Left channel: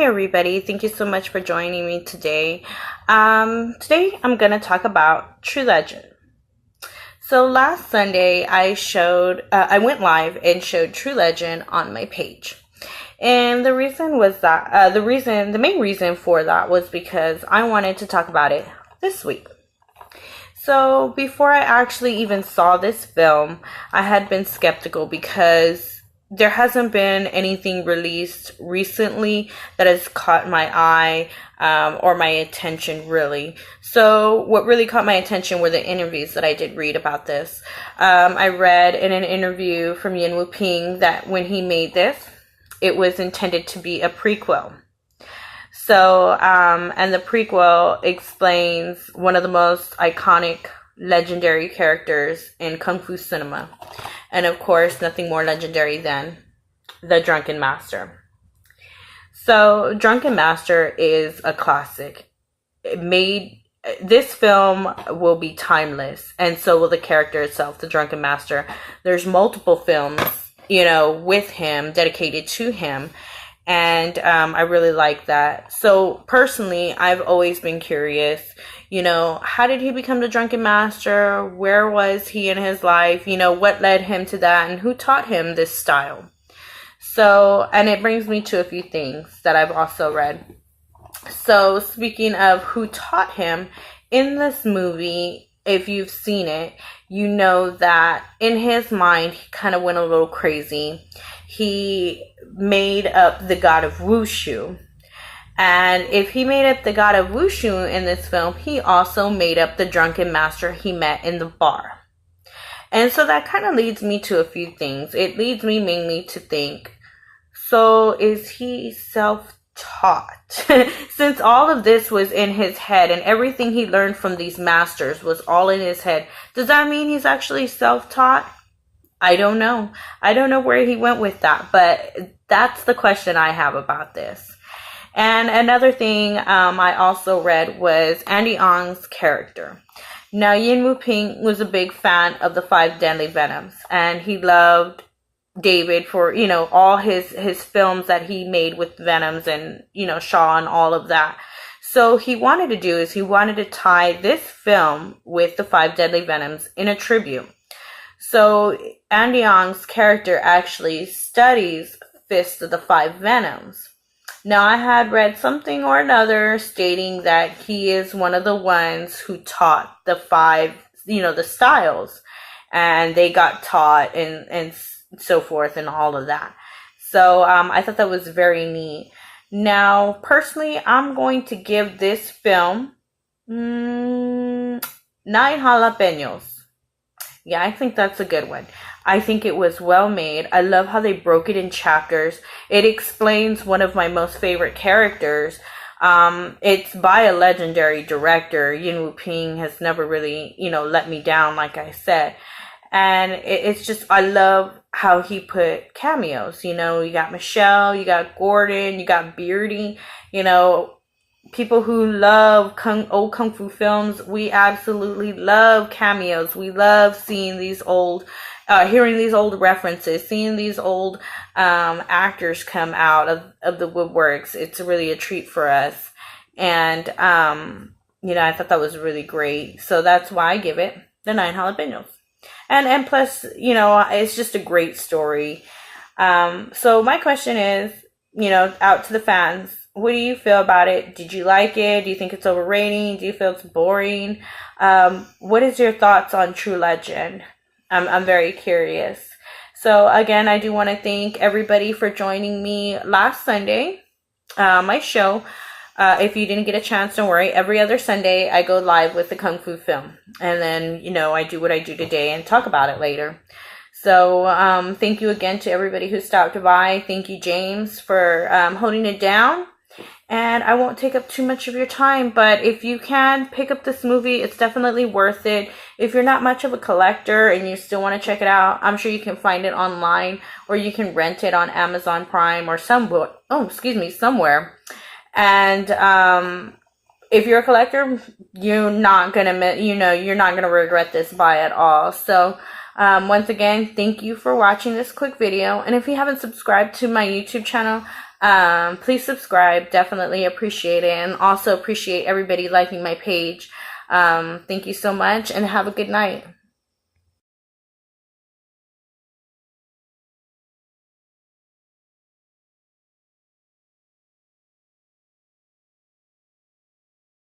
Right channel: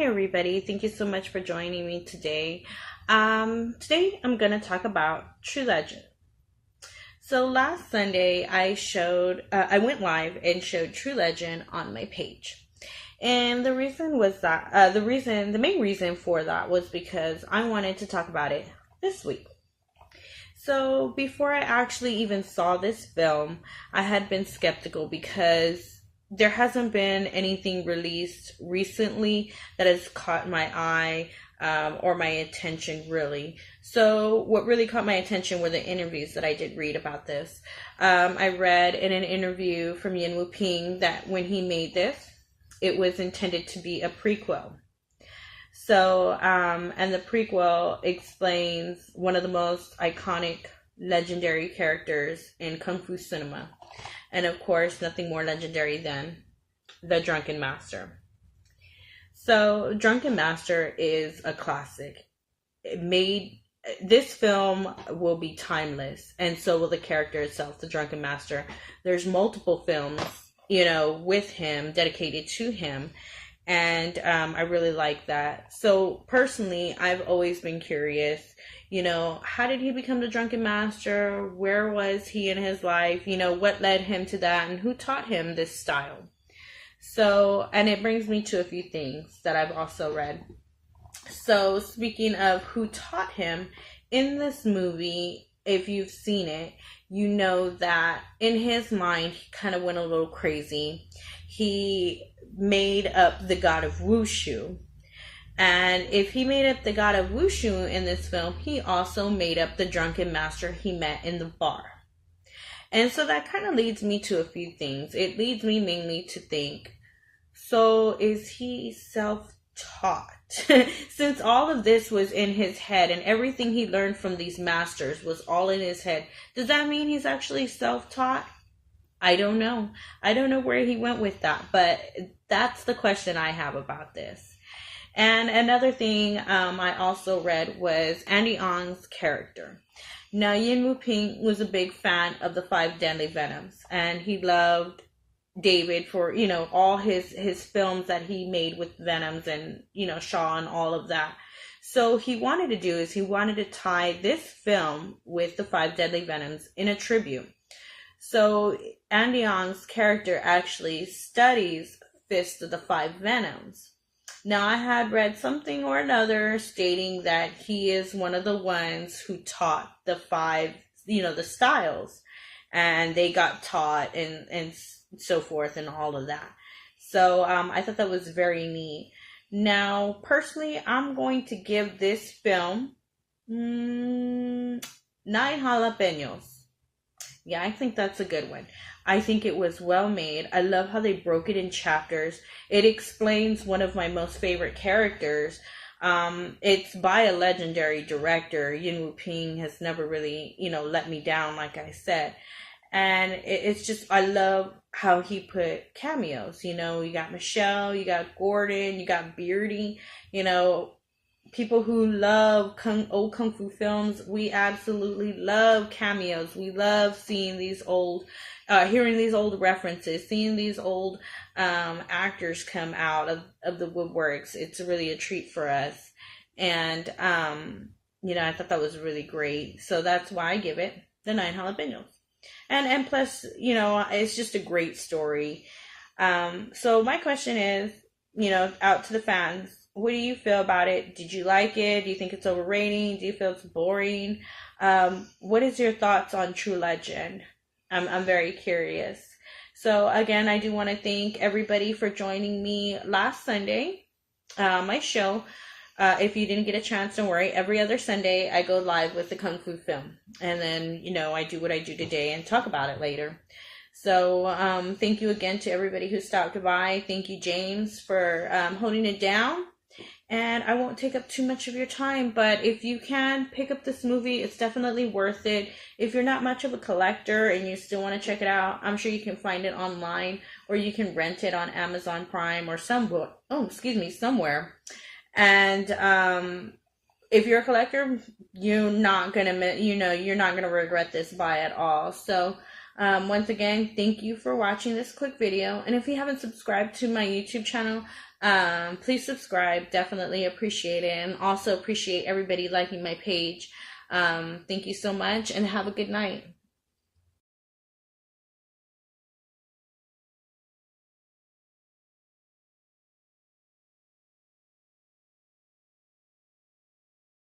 Hey everybody, thank you so much for joining me today. Today I'm going to talk about True Legend. So last Sunday I went live and showed True Legend on my page. And the reason was that, the main reason for that was because I wanted to talk about it this week. So before I actually even saw this film, I had been skeptical because there hasn't been anything released recently that has caught my eye or my attention, really. So what really caught my attention were the interviews that I did read about this. I read in an interview from Yuen Woo-ping that when he made this, it was intended to be a prequel. So, and the prequel explains one of the most iconic, legendary characters in Kung Fu cinema. And of course, nothing more legendary than the Drunken Master. So, Drunken Master is a classic. This film will be timeless, and so will the character itself, the Drunken Master. There's multiple films, with him, dedicated to him. And I really like that. So personally, I've always been curious, how did he become the Drunken Master? Where was he in his life? What led him to that? And who taught him this style? So, and it brings me to a few things that I've also read. So speaking of who taught him, in this movie, if you've seen it, you know that in his mind, he kind of went a little crazy. He made up the god of Wushu. And if he made up the god of Wushu in this film, he also made up the Drunken Master he met in the bar. And so that kind of leads me to a few things. It leads me mainly to think, so is he self-taught? Since all of this was in his head and everything he learned from these masters was all in his head, does that mean he's actually self-taught? I don't know. I don't know where he went with that, but that's the question I have about this. And another thing I also read was Andy Ng's character. Now, Yuen Woo-ping was a big fan of the Five Deadly Venoms, and he loved David for, all his films that he made with Venoms and, Shaw and all of that. So he wanted to tie this film with the Five Deadly Venoms in a tribute. So Andy Ng's character actually studies Fist of the Five Venoms. Now, I had read something or another stating that he is one of the ones who taught the five, the styles, and they got taught and so forth and all of that. So I thought that was very neat. Now, personally, I'm going to give this film 9 jalapenos. Yeah, I think that's a good one. I think it was well made. I love how they broke it in chapters. It explains one of my most favorite characters. It's by a legendary director. Yuen Woo-ping has never really, let me down, like I said. And it's just, I love how he put cameos. You got Michelle, you got Gordon, you got Beardy, people who love old Kung Fu films. We absolutely love cameos. We love seeing these old, hearing these old references, seeing these old actors come out of the woodworks. It's really a treat for us. And, I thought that was really great. So that's why I give it the 9 jalapenos. And plus, it's just a great story. So my question is, out to the fans, what do you feel about it? Did you like it? Do you think it's overrated? Do you feel it's boring? What is your thoughts on True Legend? I'm very curious. So again, I do want to thank everybody for joining me last Sunday, my show. If you didn't get a chance, don't worry. Every other Sunday, I go live with the Kung Fu film. And then, I do what I do today and talk about it later. So thank you again to everybody who stopped by. Thank you, James, for holding it down. And I won't take up too much of your time, but if you can pick up this movie, it's definitely worth it. If you're not much of a collector and you still want to check it out, I'm sure you can find it online, or you can rent it on Amazon Prime or somewhere. And if you're a collector, you're not gonna regret this buy at all. So Once again, thank you for watching this quick video. And if you haven't subscribed to my YouTube channel, please subscribe. Definitely appreciate it. And also appreciate everybody liking my page. Thank you so much and have a good night.